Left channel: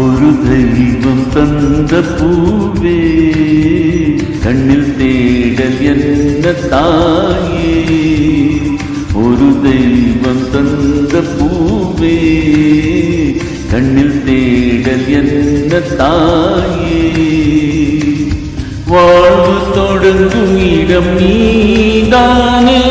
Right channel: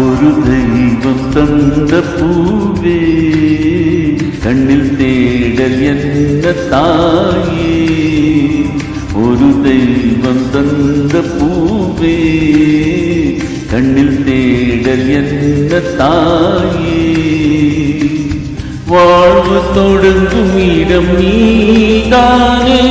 ஒரு தெய்வம் தந்த பூவே கண்ணில் தேடல் என்ன தாயே, ஒரு தெய்வம் தந்த பூவே கண்ணில் தேடல் என்ன தாயே, வாழ்வு தொடங்கும் இடம் நீதானே,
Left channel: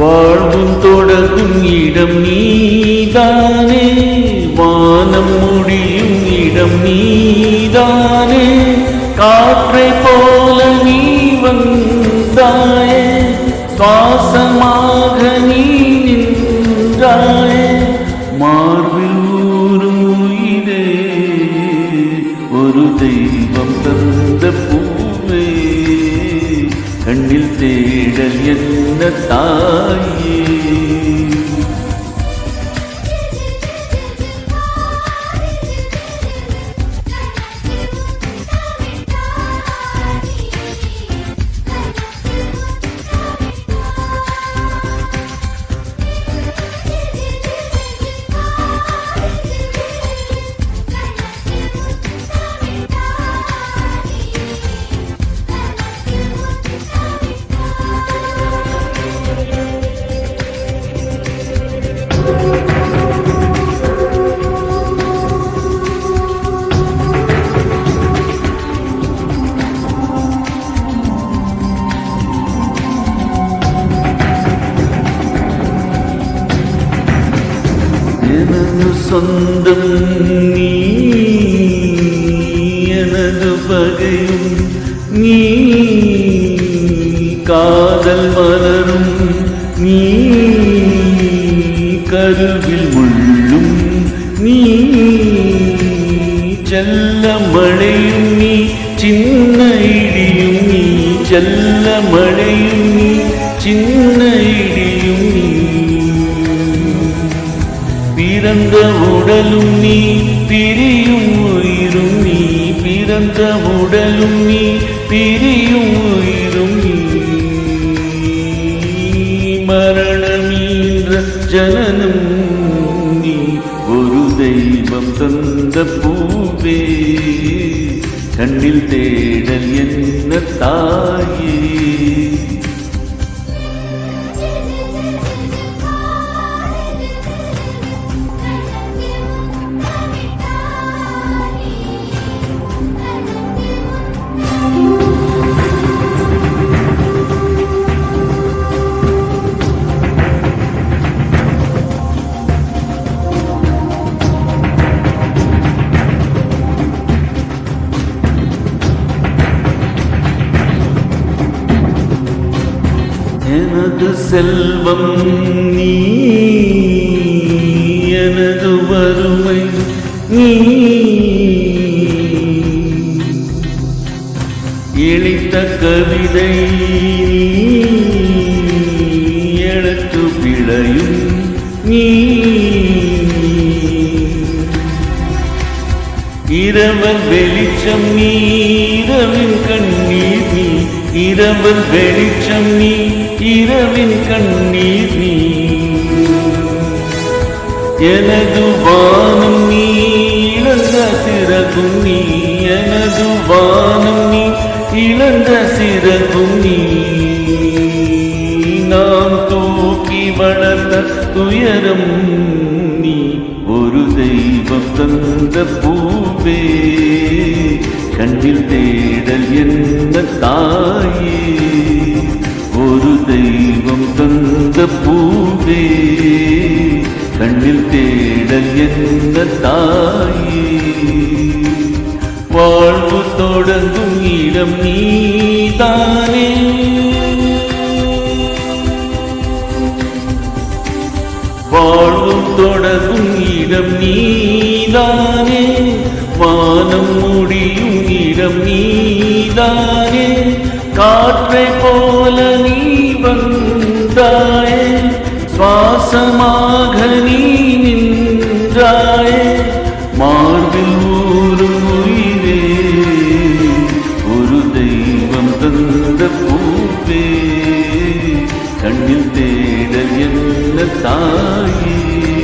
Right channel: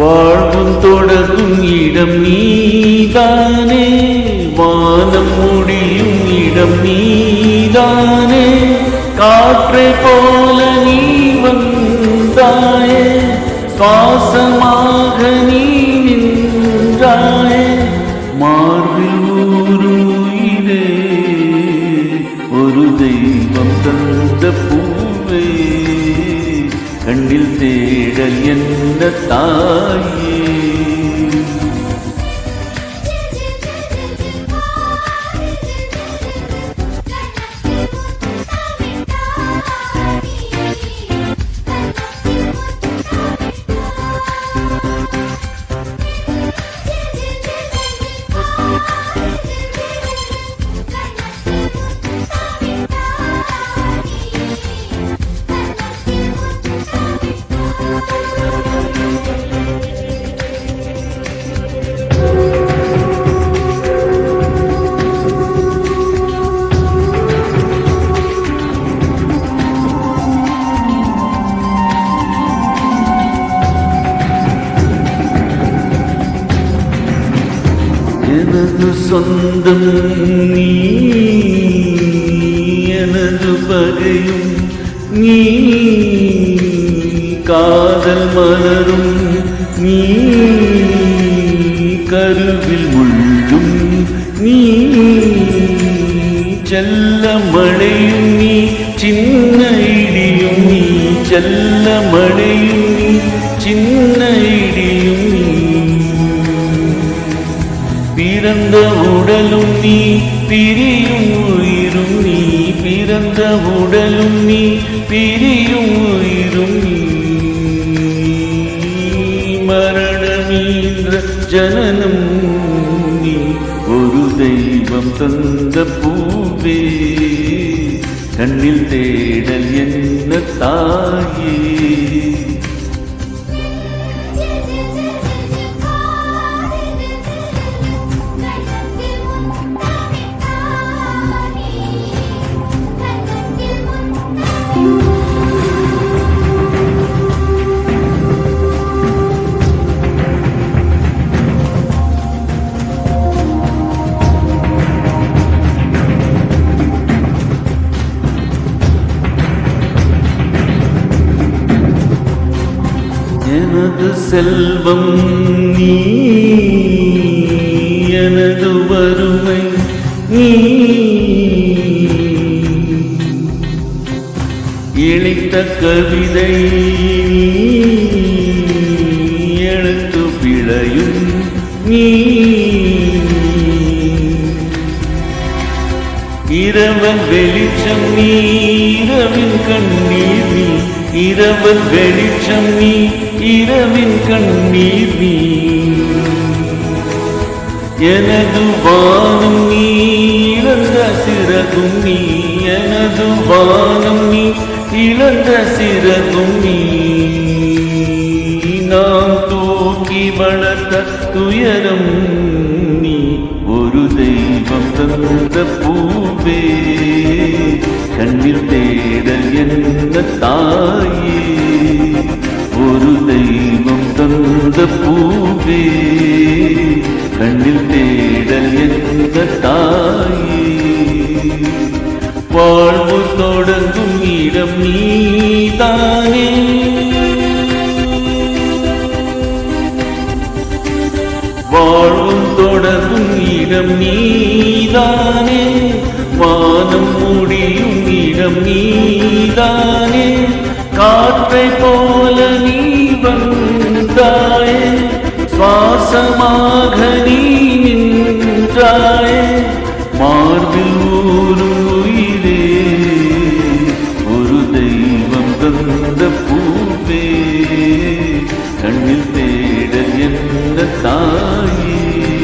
வாழ்வும் தொடங்கும் இடம் நீதானே, வானம் முடியும் இடம் நீதானே, காற்றை போல நீ வந்தாயே, சுவாசமாக நீ நின்றாயே, மார்பில் ஊறும் உயிரே ஒரு தெய்வம் தந்த பூவே கண்ணில் தேடல் என்ன தாயே. எனது சொந்தம் நீ, எனது பகையும் நீ, காதல் மலரும் நீ, கருவில் முள்ளும் நீ, செல்ல மழையும் நீ, சின்ன இடியும் நீ, செல்ல மழையும் நீ, சின்ன இடியும் நீ, பிறந்த உடலும் நீ, பிரியும் உயிரும் நீ, பிறந்த உடலும் நீ, பிரியும் உயிரும் நீ, மரணமீன்ற ஜனனம் நீ, ஒரு தெய்வம் தந்த பூவே கண்ணில் தேடல் என்ன தாயே. எனது செல்வம் நீ, எனது வறுமை நீ, இழைத்த கவிதை நீ, எழுத்து பிழையும் நீ, இரவல் வெளிச்சம் நீ, இரவின் கண்ணீர் நீ, இரவல் வெளிச்சம் நீ, இரவின் கண்ணீர் நீ, எனது வானம் நீ, இழந்த சிறகும் நீ, எனது வானம் நீ, இழந்த சிறகும் நீ, நாம் தூக்கி வளர்த்த துயரம் நீ, ஒரு தெய்வம் தந்த பூவே கண்ணில் தேடல் என்ன தாயே, ஒரு தெய்வம் தந்த பூவே கண்ணில் தேடல் என்ன தாயே, வாழ்வு தொடங்கும் இடம் நீதானே, வாழ்வும் தொடங்கும் இடம் நீதானே, வானம் முடியும் இடம் நீதானே, காற்றை போல நீ வந்தாயே, சுவாசமாக நீ நின்றாயே, மார்பில் ஊறும் உயிரே ஒரு தெய்வம் தந்த வசந்த பூவே கண்ணில் தேடல் என்ன தாயே.